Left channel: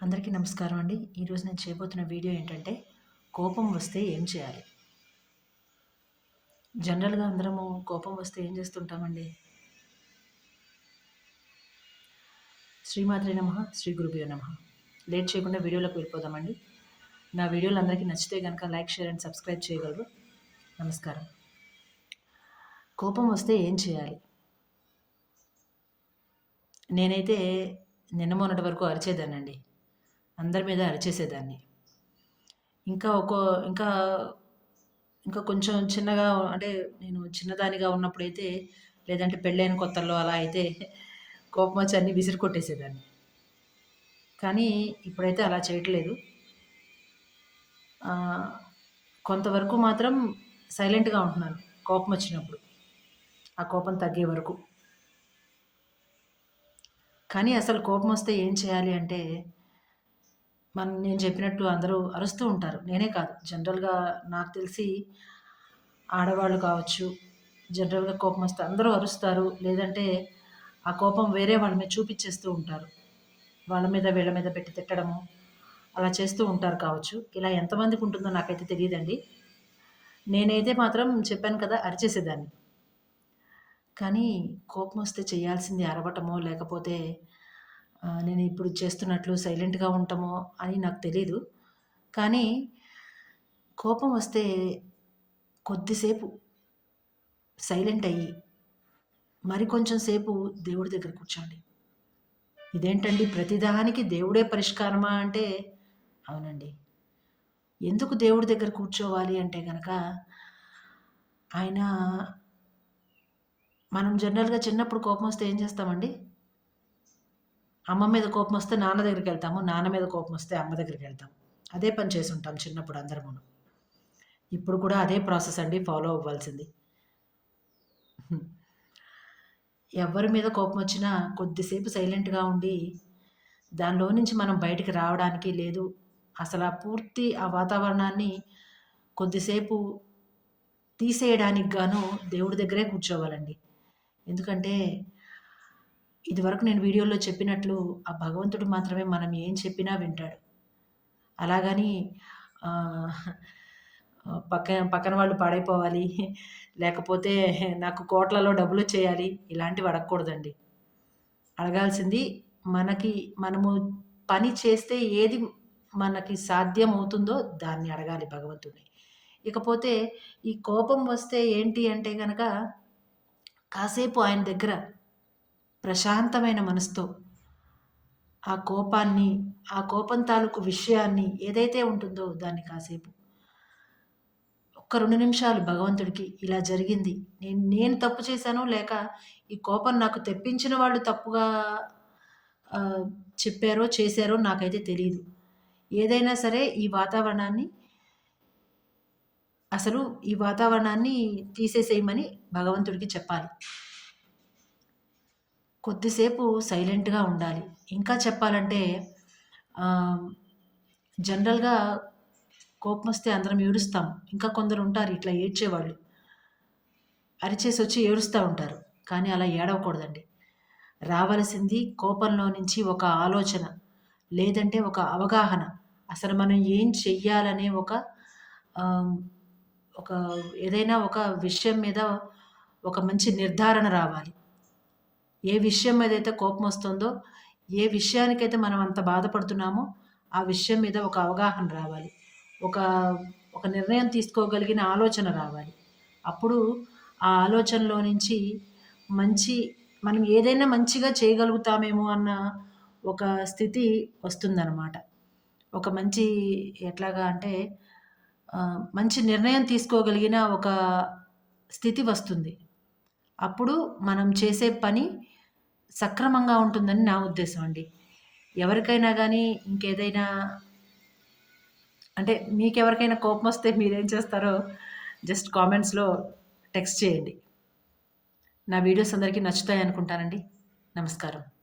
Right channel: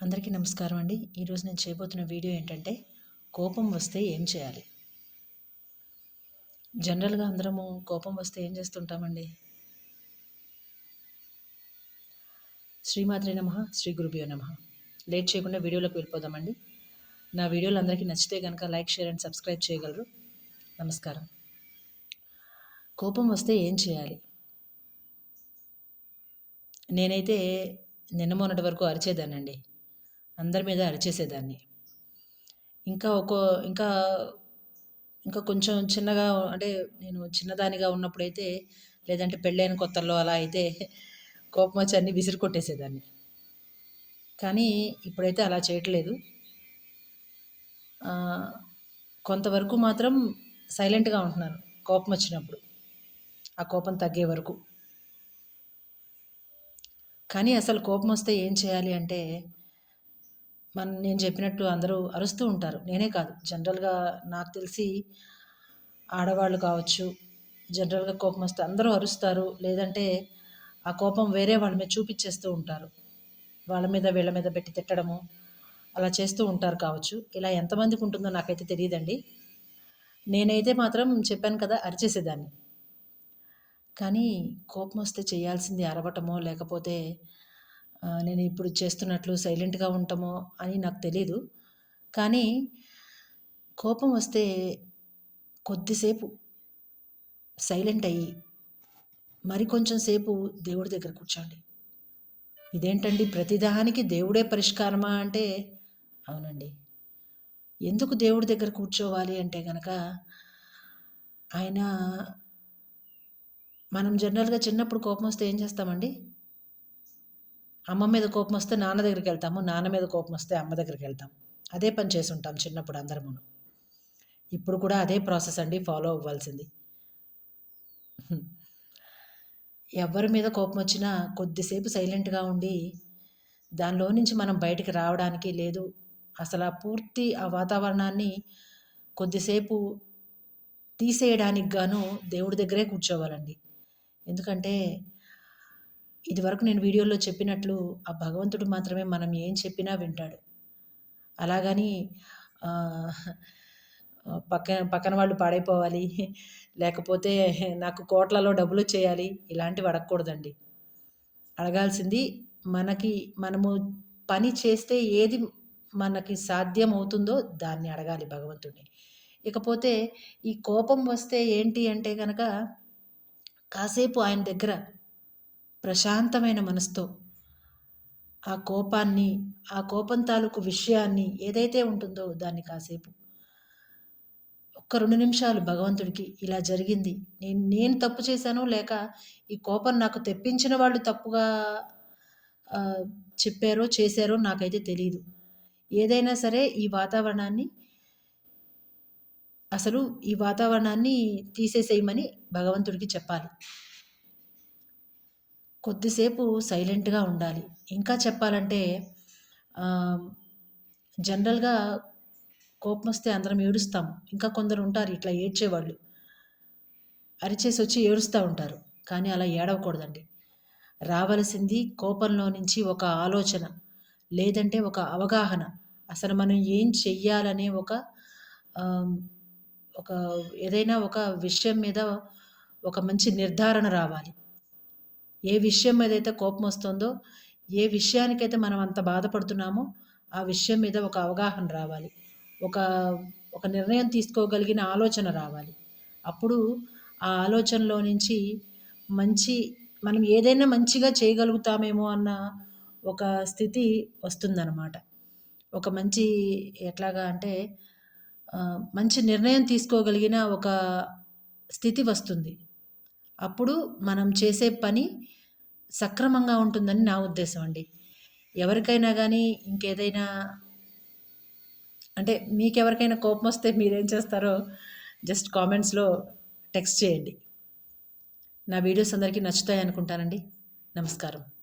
అందరికీ నమస్కారం అండి. ఈరోజు నేను చేయబోతున్న వీడియో ఏంటంటే, కోపం వస్తే ఏం చేయాలి? జనరల్‌గా అందరము కోపం వస్తే ఏం చేస్తుంటామండి? శ్రీమాత్రే నమః, శ్రీ గురుభ్యో నమః. లేట్ చేయకుండా వీడియోలోకి వెళ్ళిపోదామండి. నా వీడియోలు అందరికీ నచ్చితే గనక లైక్, షేర్ అండ్ సబ్స్క్రైబ్ చేయగలరు. నమస్కారం. కోపం వస్తే ఏం చేయాలి? నేనైతే నిన్న మొన్నటి వరకు అరిచేదాన్నండి. అందరి మీద అరిచేసేదాన్ని. ఇంకా ఒక్కో ఇంకా ఇంకా కొంచెం చిన్నగా అంటే నేను చిన్నదానిగా ఉన్నప్పుడైతే, లేదంటే పెళ్ళైన కొత్తల్లో అలా అయితే కోపమొచ్చి అన్నీ విసిరి కొట్టేసేదాన్ని. కానీ ఇప్పుడైతే అలా చేయట్లేదు. ఆహ్, కొంతవరకు మాత్రం సైలెంట్‌గా ఉంటున్నాను కోపమొచ్చినప్పుడు. ఆ కోపం తగ్గే వరకు. కానీ అసలు కోపమొస్తే ఏం చేయాలి అంటే, నేను చెప్పినట్టు అందరూ అరుస్తూ ఉంటారు. నేనే కాదు జనరల్‌గా నాకు తెలిసి ఆడవాళ్ళు కావచ్చు, జనరల్‌గా కోపమొస్తే అందరూ అరుస్తారు. లేదంటే ఆ కోపం వేరే వాళ్ళ మీద చూపిచ్చేస్తూ ఉంటారు. వాళ్ళ మీద, వీళ్ళ మీద పెట్టి తిట్టడము, అలా చేస్తూ ఉంటారు కావచ్చు. ఇలా ఎంతమందికుంటుందో నాకైతే తెలీదండి. నేనైతే మాత్రం చెప్పాను కదా! అరిచేసేదాన్ని. కానీ కోపమొస్తే చేయాల్సింది అరవటమో, లేకపోతే నేనిప్పుడు చేస్తున్నట్లు సైలెంట్‌గా ఉండటమో అని నాకు తెలీదు. కానీ కోపం వస్తే కొద్దిసేపు సైలెంట్ అయ్యి, మరి కొంచెం సేపు దేవుడి దగ్గర కూర్చోండి. ఇదేంటండి ప్రతిదానికి దేవుడే పరిష్కారమా అంటే, అవునండి. ఎందుకు దేవుడి దగ్గర కూర్చోవాలి అంటే గనక, ఆయన మనం జనరల్‌గా చిన్నప్పుడు కోపమొస్తే ఏం చేస్తామండి? అమ్మ మీద కోపమొస్తే నాన్న దగ్గరికెళ్తాము. నాన్న మీద కోపమొస్తే అమ్మ దగ్గరికెళ్తాం. అదే పని చేసుంటాం చిన్నప్పుడు అందరమును. ఇప్పుడు కూడా అదే ప్రాసెస్ అండి ఫాలో అవ్వాల్సింది. ఎవరి మీద కోపమొచ్చినా కొద్దిసేపు సైలెంట్‌గా ఉండి, దానిలో నుంచి మనం బయటికి రావడానికి లేదు, అసలా పూర్తి ఆ వాతావరణాన్ని కొద్దిసేపు తీసేయడానికి గాను దేవుడి దగ్గరే కూర్చోవాలండి. ఎందుకంటే, ఇదివరకు నేను వీడియోలో చెప్పినట్లు ఆ భగవంతుడు మాత్రమే మనం ఏం చెప్పినా వింటాడు. అలాగని ఆహ్, పక్కన వాళ్ళు పాడైపోవాలి, లేకపోతే నాకు కోట్లలో డబ్బులొచ్చేయాలి ఇలాంటివి అడగకూడదండి. అడగాల్సింది మనము పని చేస్తే ఏది మనకి సాధ్యమవుతుందో దాన్ని అడగాలి భగవంతుడిని. ఇకపోతే ఈ కోపం వస్తే ఏంటి అంటే గనక, కాసేపు ఆయన దగ్గర ప్రశాంతమైన మనసుతో ఆ కోపాన్ని, ఆ కోపం తాలూకు విషయాన్ని ఏదైతే ఉంటుందో దాన్ని కాసేపు ఒక్క 2 నిమిషాలు భగవంతుడికి ఇలా జరిగింది. నేను తప్పు చేశానో, లేక ఈ కోపం నాకు తెప్పించిన వాళ్ళు తప్పుగా ఆహ్, చెప్పారో, చేశారో నాకైతే తెలీదు. ఏదైనా సరే ఈ వాతావరణాన్ని తీసేసేయమని భగవంతుడికి చెప్పాలి. కొద్దిసేపు సైలెంట్‌గా ఉండాలి. ఇంకా చెప్పాలంటే ఆహ్, జనరల్‌గా కోపమొస్తే అందరం ఏడుస్తాం. ఇంకా కొందరుంటారు ఇట్లా ఏడ్చేవాళ్ళు. అరిచేసొచ్చి ఏడుస్తా ఉంటారు. కానీ అలా ఏడవకూడదండి. రావలసింది కోపంలో నుంచి ఒక ఆలోచన, లేదంటే ఒక అవగాహన. అసలు మనం ఏం చెయ్యాలనే ఆహ్, ఒక ఏదైనా ఒక విషయం మీద ఒక మంచి నిర్ధారణ రావాలి. ఏ విషయం మీదైతే కోపమొస్తుందో, ఏ విషయానికైతే మనం అంత బాధపడుతున్నామో, ఆ విషయం మీద ఒక అవగాహన రావాలి. ఒక ఒక నిర్ణయం తీసుకోగలిగిన ఆలోచన రావాలి. అప్పుడు ఆ ఆలోచనలో నుంచి మంచి మనం ఏదైనా మంచిగా చేయగలుగుతామేమో అన్న ఒక స్థితి వస్తుందనమాట. ఒక మంచి ఎట్లాగా అంటే మంచి నిర్ణయం తీసుకోగలిగిన ఒక స్థితి వస్తుంది. అప్పుడు మనం చేసే పని సక్రమంగా ఉంటుందని నా ఉద్దేశం అండి. ఎవరికైనా గానీ ఇంకేదైనా అంటే మీకెవరికైనా కోపమొస్తే మీరేం చేస్తారో జస్ట్ కామెంట్స్‌లో టెక్స్ట్ చేయండి. నా వీడియోస్ అందరికీ నచ్చుతాయనుకుంటానండి. నమస్కారం.